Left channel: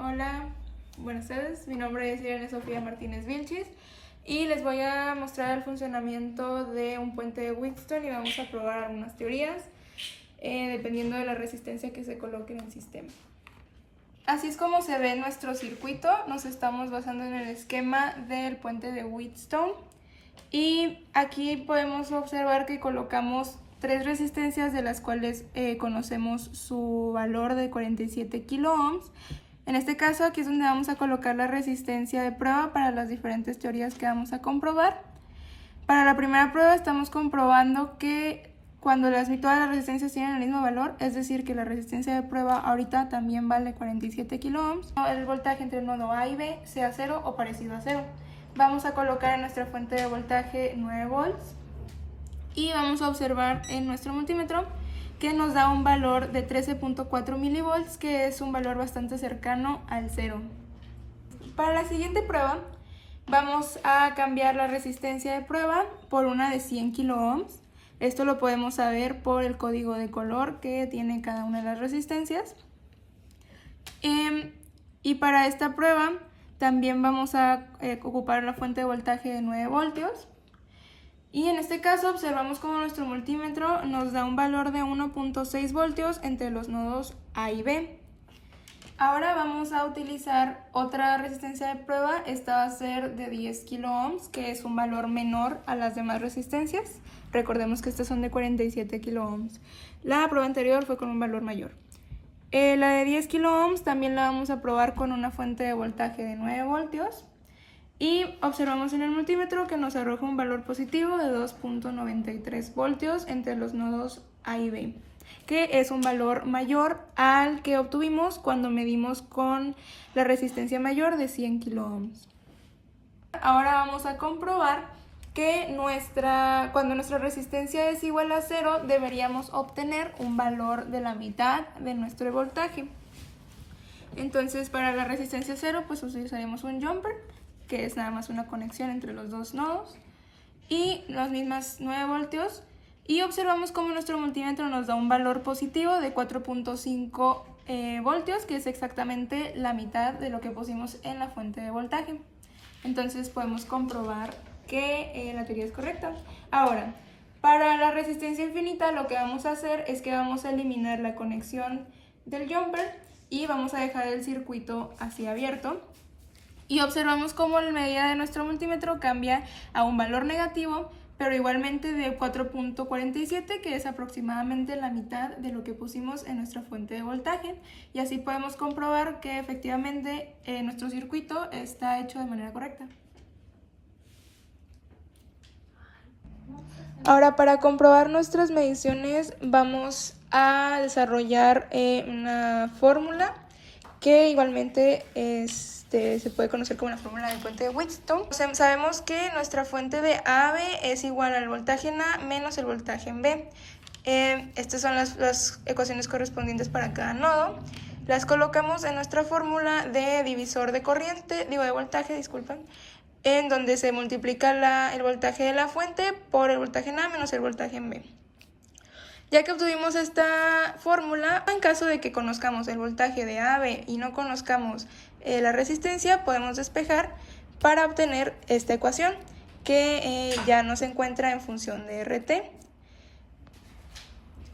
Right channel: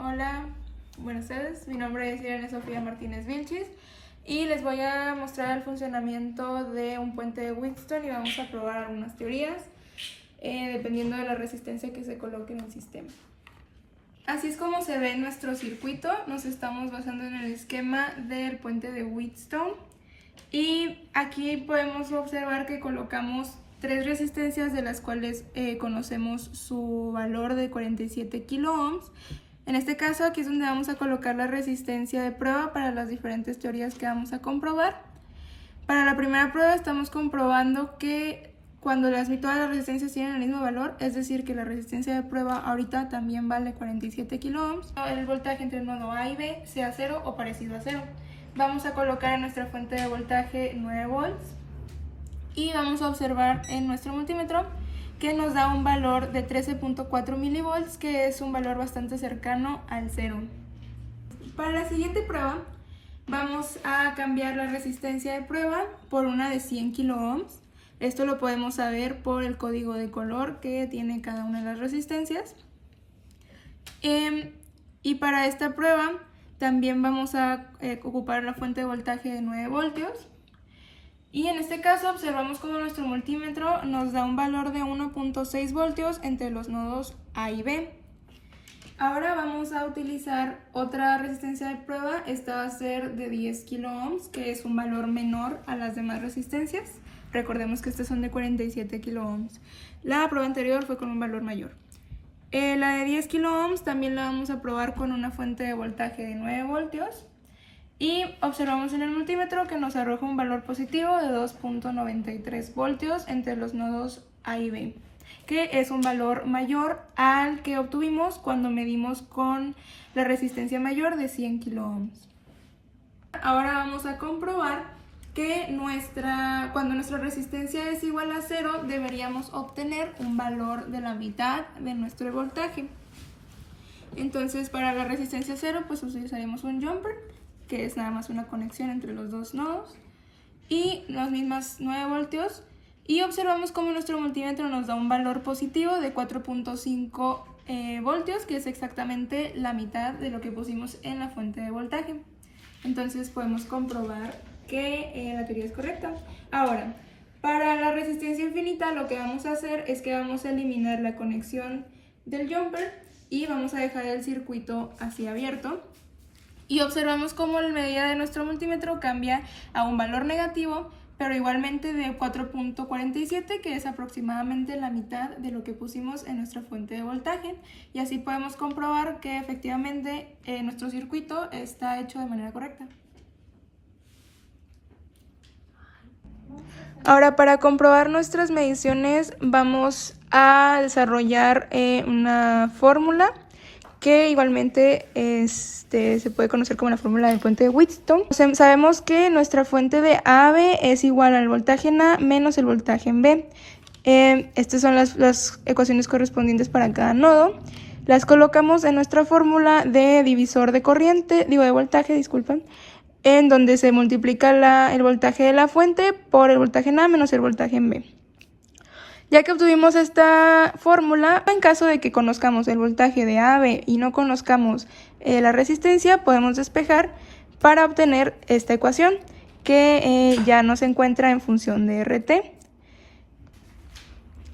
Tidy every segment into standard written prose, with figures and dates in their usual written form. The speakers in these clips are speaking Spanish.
Hola, buenas tardes. Mi nombre es Irene Sofía Martínez Vilchis y les voy a mostrar el funcionamiento de un puente de Wheatstone y vamos a probar algunas teorías dependiendo de la resistencia que se coloque en el sistema. Así es como se ve nuestro circuito. Nos estamos basando en el esquema del puente de Wheatstone y aquí podemos observar que colocamos tres resistencias de las cuales conocemos su valor de 47 kiloohms. En este caso aquí es donde vamos a colocar la resistencia de prueba para las diferentes teorías que vamos a comprobar. Para la primera prueba estamos comprobando que cuando todas las resistencias tienen el mismo valor, es decir que la resistencia de prueba ahorita también vale 47 kiloohms, el voltaje entre el nodo A y B sea 0 o parecido a 0. Vamos a colocar en nuestra fuente de voltaje 9 volts y vamos a observar en nuestro multímetro que nos da un valor de 13.4 milivolts, que es un valor bastante cercano al 0. Para la siguiente prueba vamos a cambiar la resistencia de prueba por una de 100 kiloohms. Esto lo podemos saber por el código de color que tiene cada una de las resistencias. Y para esta prueba también vamos a ocupar la fuente de voltaje de 9 voltios. Y en este caso observamos como nuestro multímetro nos da un valor de 1.6 voltios entre los nodos A y B. Ahora vamos a utilizar otra resistencia de prueba. Esta va a ser de 10 kiloohms, que es un valor menor a las demás resistencias. Recordemos que estas son de 47 kiloohms. La prueba anterior fue con un valor mayor. La de 10 kiloohms también la vamos a probar con una fuente de voltaje de 9 voltios. Y observamos en el multímetro que nos arroja un valor positivo de 2.93 voltios entre los nodos A y B, que es un valor mayor al que obtuvimos cuando medimos con la resistencia mayor de 100 kiloohms. Ahora vamos a comprobar que cuando nuestra resistencia es igual a 0, deberíamos obtener un valor de la mitad de nuestro voltaje. Entonces, para la resistencia 0, pues utilizaremos un jumper, que es nada más una conexión entre los dos nodos, y los mismos 9 voltios, y observamos cómo nuestro multímetro nos da un valor positivo de 4.5 voltios, que es exactamente la mitad de lo que pusimos en la fuente de voltaje. Entonces podemos comprobar que la teoría es correcta. Ahora, para la resistencia infinita lo que vamos a hacer es que vamos a eliminar la conexión del jumper y vamos a dejar el circuito así abierto. Y observamos cómo la medida de nuestro multímetro cambia a un valor negativo, pero igualmente de 4.47, que es aproximadamente la mitad de lo que pusimos en nuestra fuente de voltaje. Y así podemos comprobar que efectivamente nuestro circuito está hecho de manera correcta. Ahora, para comprobar nuestras mediciones vamos a desarrollar una fórmula que igualmente se puede conocer como la fórmula del puente de Wheatstone. Sabemos que nuestra fuente de AB es igual al voltaje en A menos el voltaje en B. Estas son las ecuaciones correspondientes para cada nodo. Las colocamos en nuestra fórmula de divisor de de voltaje, disculpen, en donde se multiplica el voltaje de la fuente por el voltaje en A menos el voltaje en B. Ya que obtuvimos esta fórmula, en caso de que conozcamos el voltaje de AB y no conozcamos la resistencia, podemos despejar para obtener esta ecuación que ya nos encuentra en función de RT.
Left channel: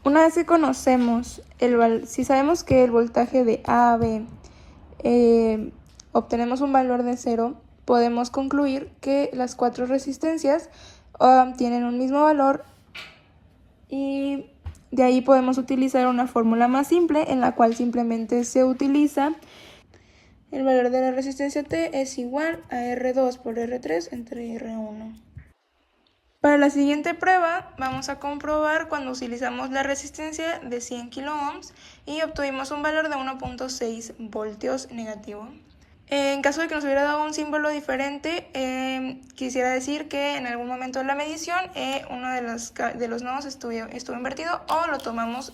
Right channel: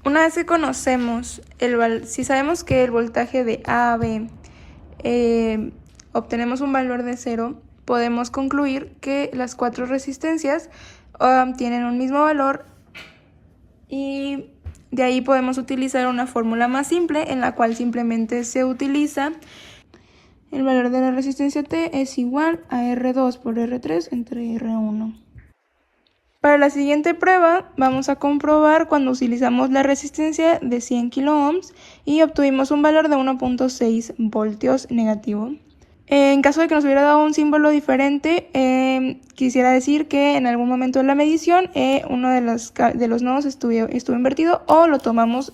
Una vez que conocemos, si sabemos que el voltaje de AB obtenemos un valor de 0, podemos concluir que las cuatro resistencias tienen un mismo valor y de ahí podemos utilizar una fórmula más simple en la cual simplemente se utiliza el valor de la resistencia T es igual a R2 por R3 entre R1. Para la siguiente prueba vamos a comprobar cuando utilizamos la resistencia de 100 kiloohms y obtuvimos un valor de 1.6 voltios negativo. En caso de que nos hubiera dado un símbolo diferente, quisiera decir que en algún momento de la medición uno de los nodos estuvo invertido o lo tomamos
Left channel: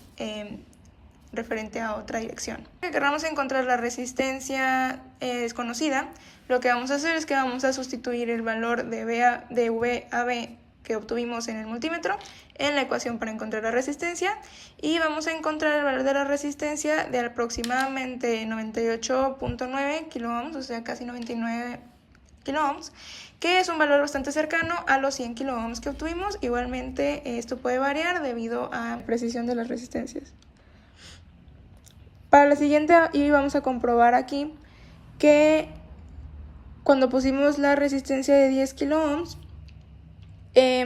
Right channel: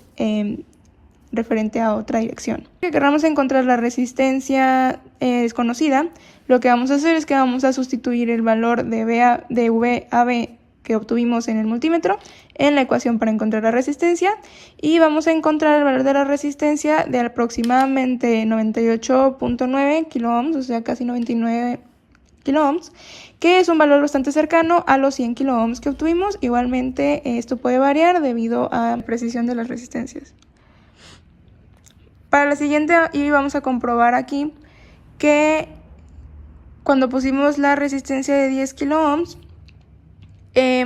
referente a otra dirección. Si queramos encontrar la resistencia desconocida, lo que vamos a hacer es que vamos a sustituir el valor de VAB que obtuvimos en el multímetro en la ecuación para encontrar la resistencia y vamos a encontrar el valor de la resistencia de aproximadamente 98.9 kiloohms, o sea casi 99 kiloohms, que es un valor bastante cercano a los 100 kiloohms que obtuvimos. Igualmente esto puede variar debido a la precisión de las resistencias. Para la siguiente vamos a comprobar aquí que cuando pusimos la resistencia de 10 kiloohms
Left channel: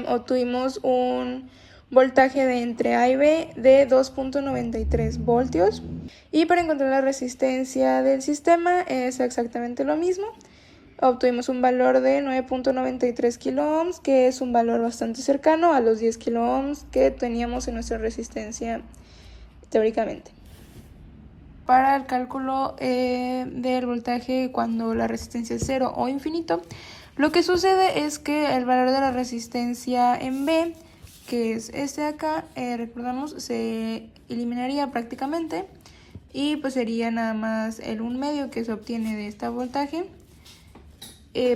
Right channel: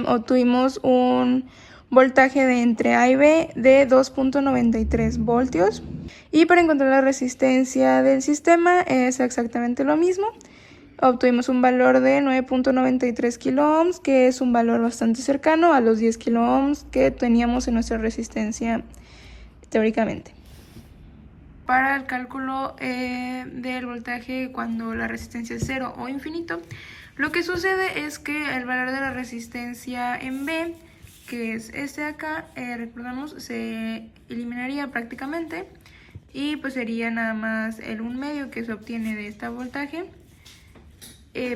obtuvimos un voltaje de entre A y B de 2.93 voltios, y para encontrar la resistencia del sistema es exactamente lo mismo. Obtuvimos un valor de 9.93 kiloohms, que es un valor bastante cercano a los 10 kiloohms que teníamos en nuestra resistencia teóricamente. Para el cálculo del voltaje cuando la resistencia es 0 o infinito, lo que sucede es que el valor de la resistencia en B, que es este de acá, recordamos, se eliminaría prácticamente y pues sería nada más el 1/2 que se obtiene de este voltaje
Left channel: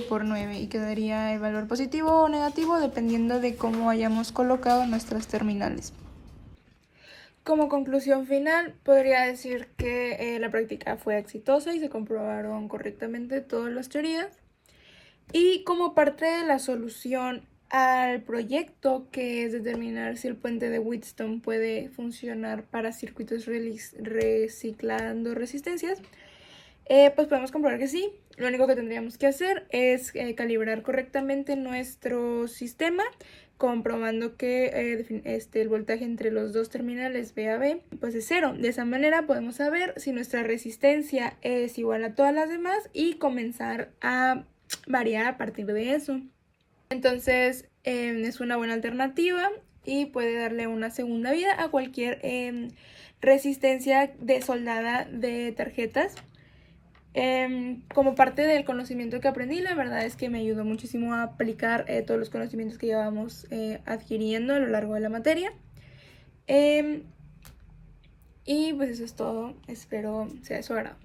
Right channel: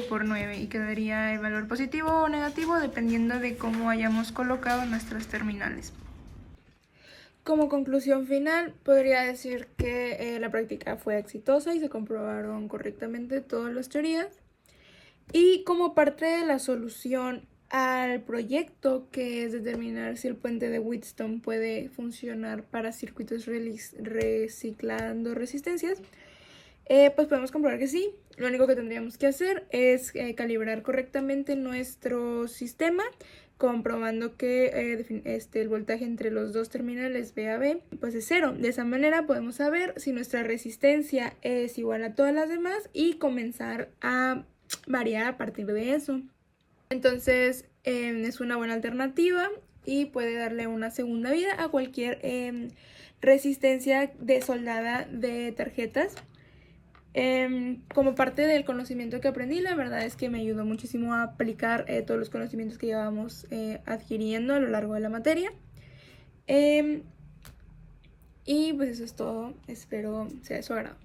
por 9, y quedaría el valor positivo o negativo dependiendo de cómo hayamos colocado nuestras terminales. Como conclusión final, podría decir que la práctica fue exitosa y se comprobaron correctamente todas las teorías. Y como parte de la solución al proyecto, que es determinar si el puente de Wheatstone puede funcionar para circuitos reciclando resistencias, pues podemos comprobar que sí. Lo único que tendríamos que hacer es calibrar correctamente nuestro sistema, comprobando que el voltaje entre los dos terminales B a B pues es 0. De esa manera podemos saber si nuestra resistencia es igual a todas las demás y comenzar a variar a partir de eso. Entonces es una buena alternativa y puede darle una segunda vida a cualquier resistencia de soldada de tarjetas. Como parte del conocimiento que aprendí, la verdad es que me ayudó muchísimo a aplicar todos los conocimientos que llevábamos adquiriendo a lo largo de la materia. Y pues eso es todo, espero sea de su agrado.